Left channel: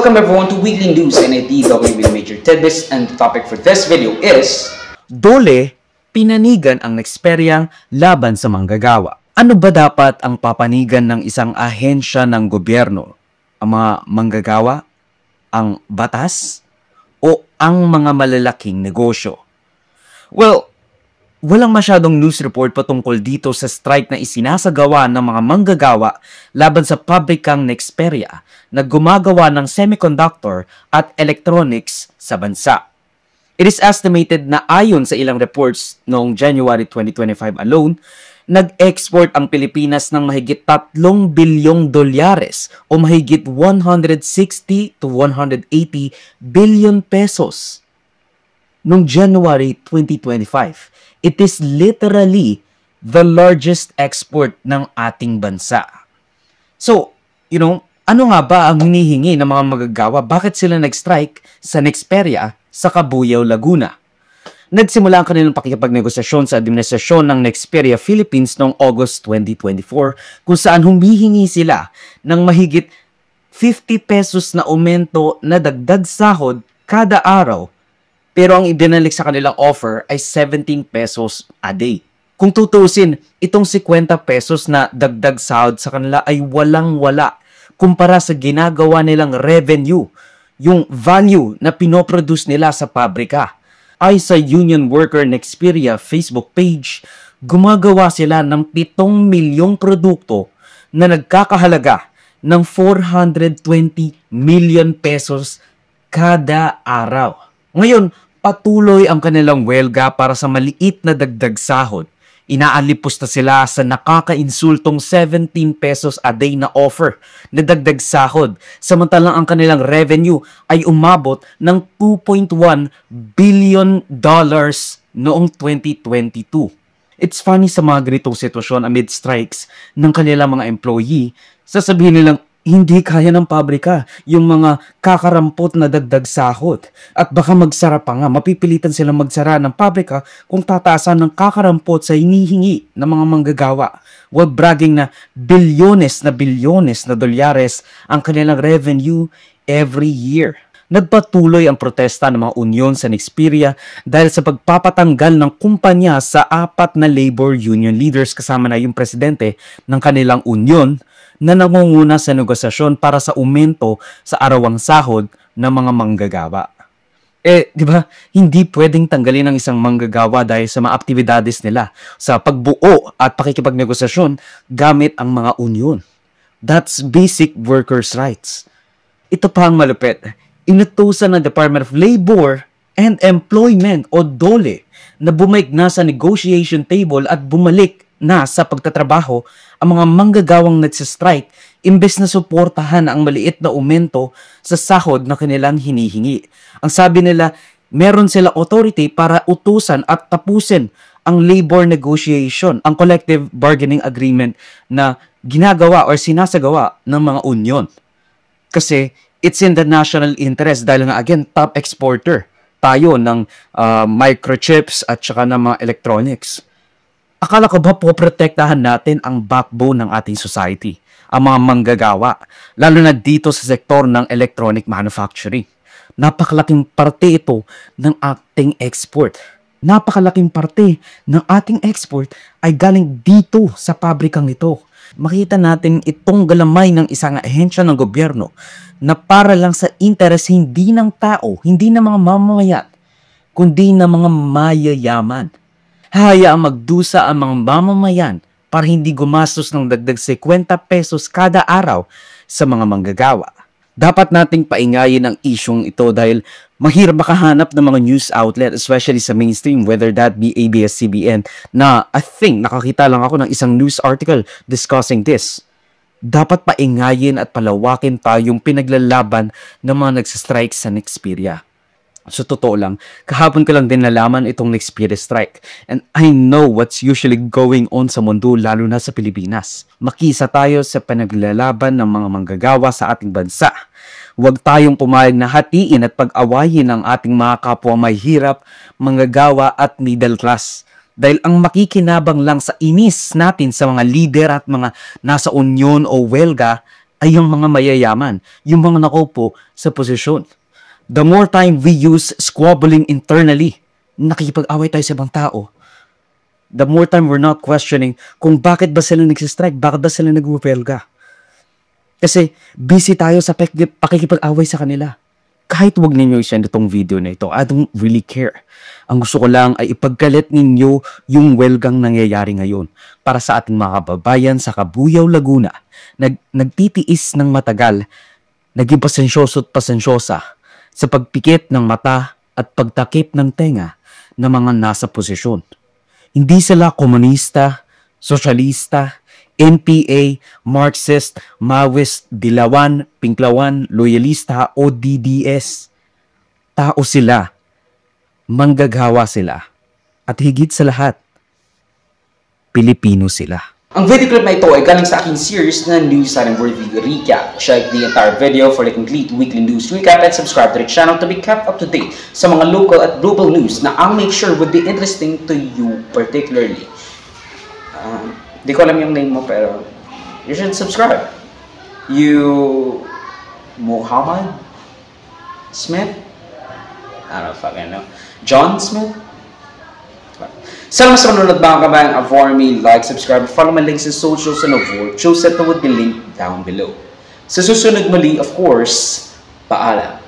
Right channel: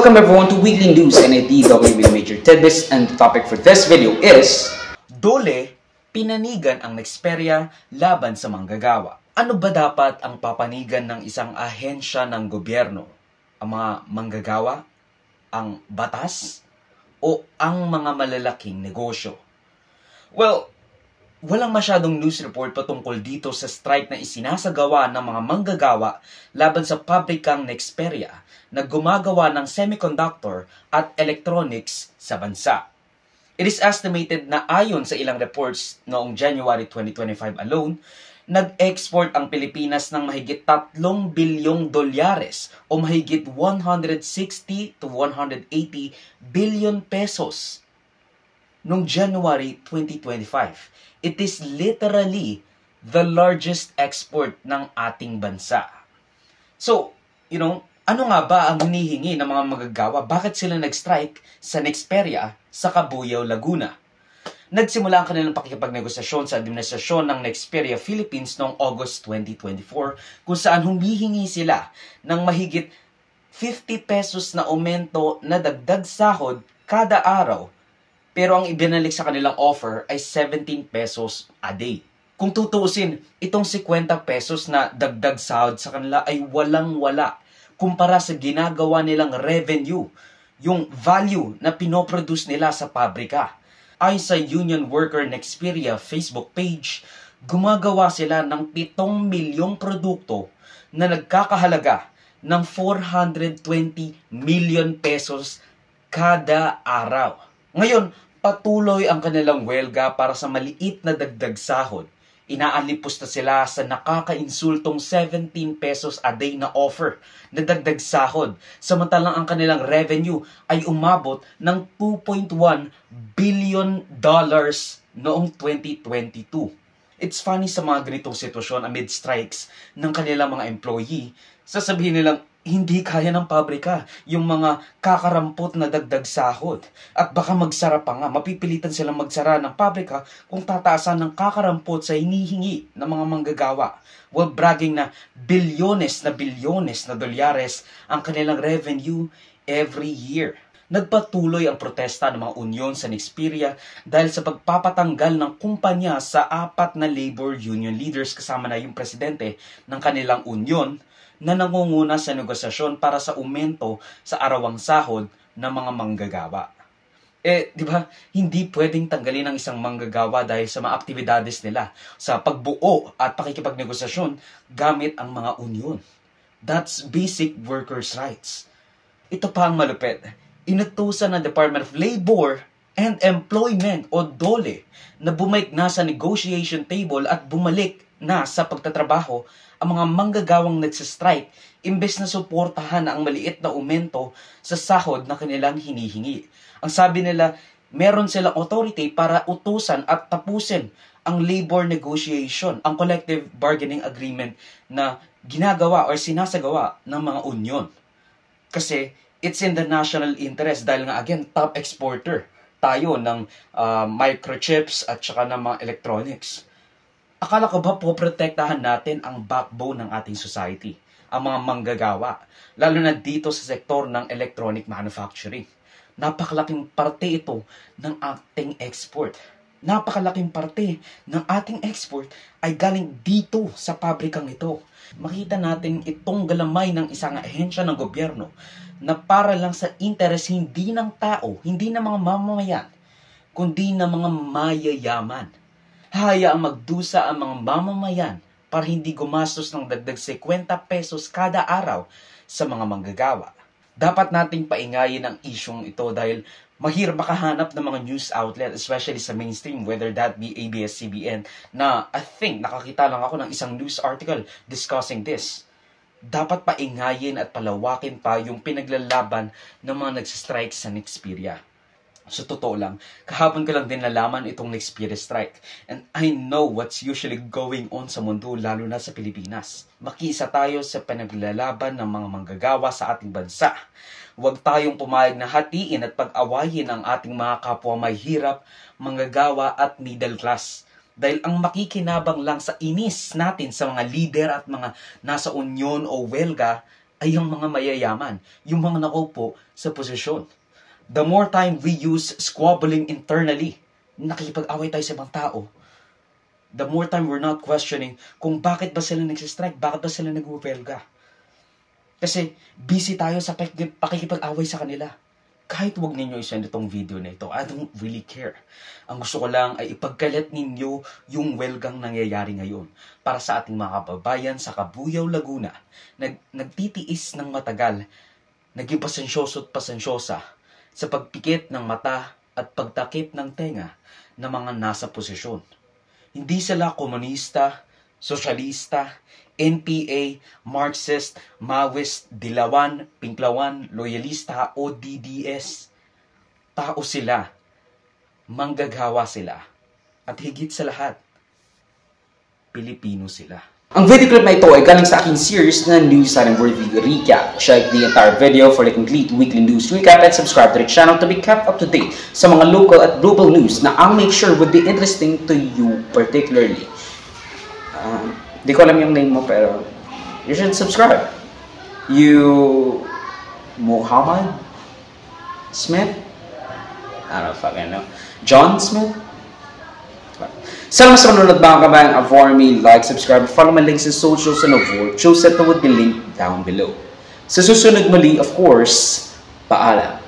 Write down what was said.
Welcome everyone to Weekly News and IDW with Major Tidbits, and the topic for this video is Dole, pinanigan ang Nexperia laban sa manggagawa. Ano ba dapat ang papanigan ng isang ahensya ng gobyerno? Ang mga manggagawa? Ang batas? O ang mga malalaking negosyo? Well, walang masyadong news report patungkol dito sa strike na isinasagawa ng mga manggagawa laban sa pabrikang Nexperia na gumagawa ng semiconductor at electronics sa bansa. It is estimated na ayon sa ilang reports noong January 2025 alone, nag-export ang Pilipinas ng mahigit 3 bilyong dolyares o mahigit 160 to 180 billion pesos. Noong January 2025, it is literally the largest export ng ating bansa. So, ano nga ba ang hinihingi ng mga manggagawa? Bakit sila nag-strike sa Nexperia sa Cabuyao, Laguna? Nagsimula ang kanilang pakikipagnegosasyon sa administrasyon ng Nexperia Philippines noong August 2024 kung saan humihingi sila ng mahigit 50 pesos na aumento na dagdag sahod kada araw. Pero ang ibinalik sa kanilang offer ay 17 pesos a day. Kung tutusin, itong 50 pesos na dagdag sahod sa kanila ay walang-wala kumpara sa ginagawa nilang revenue, yung value na pinoproduce nila sa pabrika. Ay sa Union Worker Nexperia Facebook page, gumagawa sila ng 7 milyong produkto na nagkakahalaga ng 420 million pesos kada araw. Ngayon, patuloy ang kanilang welga para sa maliit na dagdag sahod. Inaalipos na sila sa nakakainsultong 17 pesos a day na offer na dagdag sahod. Samantalang ang kanilang revenue ay umabot ng $2.1 billion noong 2022. It's funny sa mga ganitong sitwasyon amid strikes ng kanilang mga employee, sasabihin nilang hindi kaya ng pabrika yung mga kakarampot na dagdag sahod. At baka magsara pa nga, mapipilitan silang magsara ng pabrika kung tataasan ng kakarampot sa hinihingi ng mga manggagawa. While bragging na bilyones na dolyares ang kanilang revenue every year. Nagpatuloy ang protesta ng mga union sa Nexperia dahil sa pagpapatanggal ng kumpanya sa 4 na labor union leaders kasama na yung presidente ng kanilang union na nangunguna sa negosasyon para sa aumento sa arawang sahod ng mga manggagawa. Di ba? Hindi pwedeng tanggalin ng isang manggagawa dahil sa mga aktibidades nila sa pagbuo at pakikipagnegosasyon gamit ang mga union. That's basic workers' rights. Ito pa ang malupit. Inutusan ng Department of Labor and Employment o DOLE na bumalik na sa negotiation table at bumalik na sa pagtatrabaho ang mga manggagawang nagsistrike imbes na suportahan ang maliit na aumento sa sahod na kanilang hinihingi. Ang sabi nila, meron sila authority para utusan at tapusin ang labor negotiation, ang collective bargaining agreement na ginagawa or sinasagawa ng mga union. Kasi it's in the national interest dahil nga again, top exporter tayo ng microchips at saka ng mga electronics. Akala ko ba poprotektahan natin ang backbone ng ating society, ang mga manggagawa, lalo na dito sa sektor ng electronic manufacturing. Napakalaking parte ito ng ating export. Napakalaking parte ng ating export ay galing dito sa pabrikang ito. Makita natin itong galamay ng isang ahensya ng gobyerno na para lang sa interes hindi ng tao, hindi ng mga mamamayan, kundi ng mga mayayaman. Hayaang magdusa ang mga mamamayan para hindi gumastos ng dagdag 50 pesos kada araw sa mga manggagawa. Dapat nating paingayin ang isyong ito dahil mahirap makahanap ng mga news outlet, especially sa mainstream, whether that be ABS-CBN, na I think nakakita lang ako ng isang news article discussing this. Dapat paingayin at palawakin tayong pinaglalaban ng mga nagsistrike sa Nexperia. So, totoo lang, kahapon ko lang din nalaman itong Nexperia strike. And I know what's usually going on sa mundo, lalo na sa Pilipinas. Makisa tayo sa pinaglalaban ng mga manggagawa sa ating bansa. Huwag tayong pumayag na hatiin at pag-awayin ang ating mga kapwa may hirap, manggagawa at middle class. Dahil ang makikinabang lang sa inis natin sa mga leader at mga nasa union o welga ay yung mga mayayaman, yung mga nakaupo sa posisyon. The more time we use squabbling internally, nakikipag-away tayo sa ibang tao, the more time we're not questioning kung bakit ba sila nagsistrike, bakit ba sila nag-huelga. Kasi busy tayo sa pakikipag-away sa kanila. Kahit wag ninyo i-send itong video na ito, I don't really care. Ang gusto ko lang ay ipagkalit ninyo yung welgang nangyayari ngayon para sa ating mga kababayan sa Kabuyao, Laguna. Nagtitiis ng matagal, naging pasensyoso at pasensyosa sa pagpikit ng mata at pagtakip ng tenga ng mga nasa posisyon. Hindi sila komunista, sosyalista, NPA, Marxist, Maoist, Dilawan, Pinklawan, Loyalista o DDS. Tao sila, manggagawa sila, at higit sa lahat, Pilipino sila. Ang video clip na ito ay galing sa aking series na News and Worthy Recap. Check the entire video for the complete weekly news recap and subscribe to the channel to be kept up to date sa mga local at global news na I'll make sure would be interesting to you particularly. Di ko alam yung name mo pero you should subscribe. You Muhammad Smith? I don't fucking know. John Smith? Sa mas manunod mga kabayan, avoid me, like, subscribe, follow my links in socials and avoid shows that would be linked down below. Sa susunod muli, of course, paalam.